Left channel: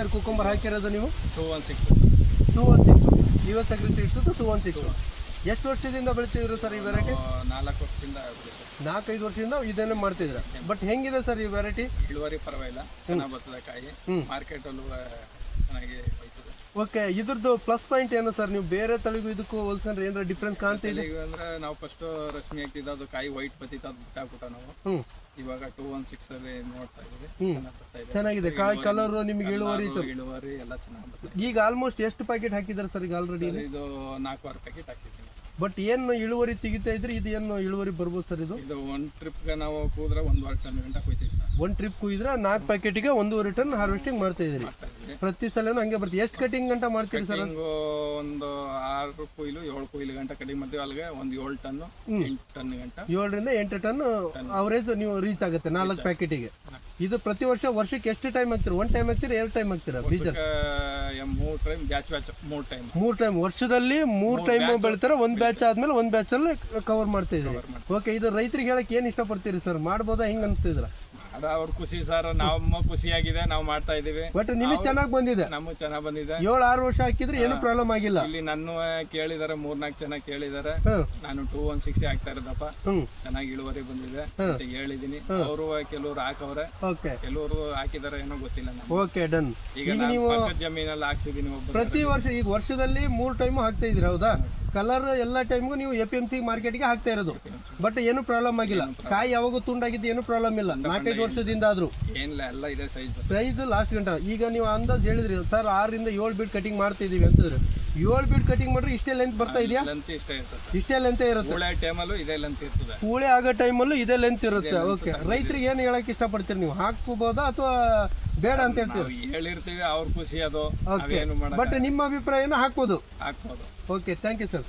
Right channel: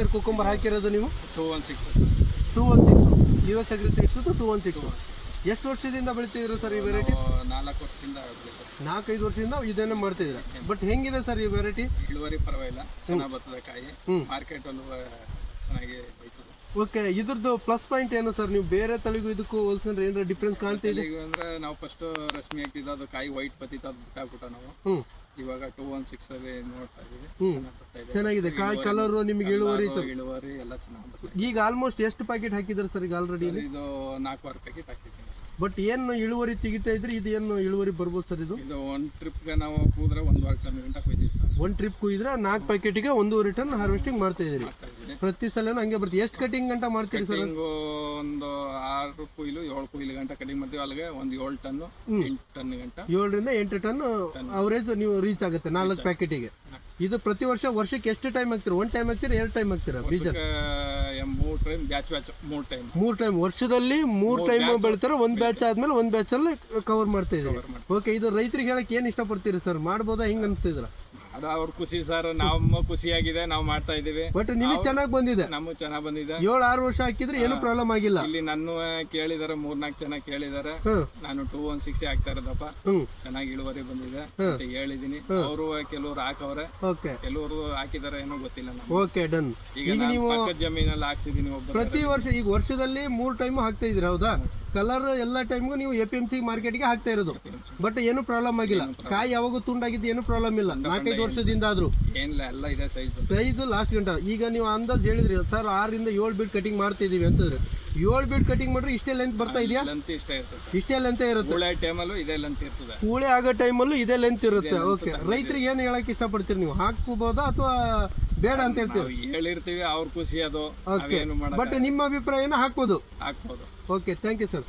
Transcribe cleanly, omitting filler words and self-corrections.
Sir cucumber ಹಾಕಿರೋದು ನೀವು? 216 216 US ಅಗ್ರಿಸೀಡ್ಸ್ 216. ಎಷ್ಟು ವರ್ಷದಿಂದ ಬೆಳಿತಿದ್ರಿ ಸರ್ ಈ ವೆರೈಟಿ? 4 ವರ್ಷದಿಂದ ಬೆಳೀತಾರೆ. 4-5 ವರ್ಷದಿಂದ ಇದನ್ನೇ ಮಾಡ್ತಿದ್ದೀರಾ. ಬಟ್ ಹೆಂಗಿದೆ ಸರ್ ಈ ವೆರೈಟಿ? ಇಳುವರಿ ಪರವಾಗಿಲ್ಲ, ಚೆನ್ನಾಗಿ ಬರ್ತದೆ ಕಾಯಿ, ಮಾರ್ಕೆಟ್ ಅಲ್ಲೂ ಚೆನ್ನಾಗಿ ಬೈತದೆ. ಓಕೆ, ಇದ್ರದ್ದು ಪ್ಲಸ್ ಪಾಯಿಂಟ್ ಏನು ಸರ್? ನೀವು ಬೇರೆ ತಳಿಗೂ ಇದಕ್ಕೂ ಹೋಲ್ಸಂದ್ರೆ ಏನಾರ ಡಿಫ್ರೆನ್ಸ್ ಕಾಣ್ತಿದೆ? ಈಗ ಅಂದ್ರೆ ನಾವು ಫಸ್ಟ್ ರಶ್ಮಿ ಹಾಕಿದ್ದು ಅದು ಕಾಯಿ ವೈಟ್ ಬತ್ತಿತ್ತು, ಅದು ಬಿಟ್ಟಾಕ್ಬಿಟ್ಟ ನಾವು. ಇವಾಗ 216 ಅಲ್ಲಿ ನೋಡ್ತಾ ಇದೀವಿ, ಚೆನ್ನಾಗಿದೆ ಕಾಯಿ ಕಲರ್, ನಿಮಗೆ ಇಳುವರಿ ಎಲ್ಲ ಚೆನ್ನಾಗಿ ಬರ್ತದೆ. ಈಗ ಆಲ್ಮೋಸ್ಟ್ ಎಷ್ಟು ಪ್ಯಾಕೆಟ್ ಹಾಕಿದ್ದಾರೆ ಸರ್ ಈಗ ಆಲ್ರೆಡಿ? ಇದು 4 ಪ್ಯಾಕೆಟ್ ಹಾಕಿದ್ದೀನಿ. ಬಟ್ ಏನು ಇಳುವರಿ ತೆಗಿತಾ ಇದ್ರಿ? ಇದು ಏನು ಇಳುವರಿ ಬರ್ಬೋದು ಸರ್? ಇದು ಒಂದು ಟ್ರಿಪ್ಗೆ ನಾವು ಕೂದ್ರೆ 1.5 ಟನ್ ಗಂಟ ಕೊಯ್ತೀವಿ ಸರ್. ಒಂದು ಟ್ರಿಪ್ ಕುಯ್ದ್ರೆ 4 ಪ್ಯಾಕೆಟ್ಗೆ 1.5 ಟನ್ ಹಾರ್ವೆಸ್ಟಿಂಗ್ ಮಾಡ್ತಾ ಇದ್ದೀರಿ. ಪ್ರತಿ ಸಲನೂ ಹಂಗೆ ಬರ್ತೀವಿ. ಎಷ್ಟು ಕಟಿಂಗ್ ಗಂಟ ಮಾಡ್ತೀರಿ ಸರ್? ಒಂದು 6 ಕೊಯ್ಲು 7 ಕೊಯ್ಲು ಗಂಟ ಕಟಿಂಗ್ ಮಾಡ್ತೀವಿ. ಅಲ್ಲಿಗೆ ಒಂದು 7 ಟನ್ 8 ಟನ್ ಗಂಟ, 7ರಿಂದ 8 ಟನ್ ಅವರೇಜ್ ನೀವು ರೀಚ್ ಆಗುತ್ತೆ 4 ಪ್ಯಾಕೆಟಿಗೆ. ಇದು ಪ್ರತಿ ವರ್ಷಕ್ಕೆ ಎಷ್ಟು ಟೈಮ್ ಹಾಕ್ತೀರಿ? 1 ಟೈಮ್ ಹಾಕ್ತೀರಾ, 2 ಟೈಮ್ ಹಾಕ್ತೀರಾ ಬೀಜ? 3 ಟೈಮ್ ಬ್ಯಾಚ್ 3 ಟೈಮ್ ವರ್ಷದಲ್ಲಿ 3 ಟೈಮ್ ಬೆಳಿತಾರೆ. ಒಂದು ಬ್ಯಾಚ್ ಆದ್ಮೇಲೆ ಒಂದು ಬ್ಯಾಚ್ ಅಲ್ಲಿ ಕವರ್ ಮಾಡ್ತಾ ಇದ್ದೀವಿ. ಓಕೆ, ಇದು ರೈತರಿಗೆ ಹೇಳಕ್ ಏನ್ ಇಷ್ಟಪಡ್ತೀರಿ ಸರ್? ಮಾಡ್ಬೋದಾ ಹಿಂಗ ಅಂತಿದ್ರ? ಅದು ಅವ್ರ ಖುಷಿ ಸರ್, ನಮ್ಮ ಖುಷಿಯಾಗಿದೆ, ನಾವು ಮಾಡ್ತಾ ಇದೀವಿ. ಬಟ್ ನಿಮಗೆ ಚೆನ್ನಾಗಿ ಬಂದಿದೆ. ನಮಗೂ ಚೆನ್ನಾಗಿ ಬಂದಿದೆ. 7-6 ವರ್ಷ ಹಾಕಿದ್ರೆ ಏನು ಪ್ರಾಬ್ಲಮ್ ಆಗಿಲ್ಲ. ಇಲ್ಲಿ ನನ್ನ ಕೇಳಿದಾರೆ, 3-4 ಜನ ಕೇಳಿದಾರೆ. ನಾನು 216 ಹಾಕ್ತಾ ಇರೋದಪ್ಪ, ಚೆನ್ನಾಗಿ ಇಳುವರಿ ಬಂದಿದೆ ಅಂತ ಹೇಳಿದೀನಿ. ಅವರು ಕೆಲವರು ಹಾಕವ್ರೆ, ಕೆಲವರು ಹಾಕಿದಾರೆ, ಏನೋ ಗೊತ್ತಿಲ್ಲ ನಮ್ಗೆ. Okay, done. ಈಗ ನೀವು ಪಕ್ಕದ ಜಮೀನಲ್ಲಿ ಹಾಕ್ಸಿದೀನಿ. ಪ್ರತಿ ವರ್ಷ ಈಗ ವರ್ಷದಲ್ಲಿ 3 ಟೈಮ್ ಹಾಕ್ತಾ ಇದೀರ, ಹೌದಾ? ಕಲರ್ ಎಲ್ಲ ಟೈಮ್ಗೂ ನೀವು APMC ಮಾರ್ಕೆಟ್ಗೆ ಹಾಕ್ತಾ ಇರೋದು. ಬಟ್ ಏನು ಪ್ರಾಬ್ಲಮ್ ಆಗಿಲ್ಲ. ಕಾಯಿ ಯಾವಾಗ ತುಂಡಾಗಿದ್ದು ಏನು ಪ್ರಾಬ್ಲಮ್ ಇಲ್ಲ 4-5 ವರ್ಷದಿಂದ ಆದ್ರೂ. ಏನಿಲ್ಲ, ಎಲ್ಲ ಇದೆ ಸೈಜ್ ಲಾಸ್ಟ್ ಗಂಟ. ಈಗ ನೀವು ಅಂದಾಜ್ ಹೇಳಿದ್ರಿ ಸರ್ 6ರಿಂದ 7 ಬೀಟ್ ಕಟಿಂಗ್ ಮಾಡ್ತಾ ಇದೀವಿ ಅಂತಂದ್ರೆ, 7 ಬೀಟ್ ಕಟಿಂಗ್ ಮಾಡ್ರೆ ಇಷ್ಟೇ ಲೆಂತ್ ಬರ್ತಾ ಇದೆಯಾ? ಇಷ್ಟೇ ಲೆಂತ್ ಇರುತ್ತೆ. ಕೂಳೆ ಆಗೋ ಟೈಮಲ್ಲೂ ಇದೇ ಲೆಂತ್ ಇರುತ್ತೆ. ಓಕೆ, ರೈತರಿಗೆ ಏನು ಹೇಳಕ್ ಇಷ್ಟಪಡ್ತೀರಿ ನೀವು? ಹಾಕ್ಕೋಬಹುದಾ ಅಥವಾ ಬೇಡ ಅಂತ ಹೇಳ್ತೀವಿ? ಹೇಳಿರ್ತೀವಿ, ಅವ್ರ ಖುಷಿ ಅದು. ಬಟ್ ನಿಮ್ಮ ಅಭಿಪ್ರಾಯನ ಹಾಕ್ಬೋದು. ಹಾಕ್ಬೋದು. Okay, thank you sir.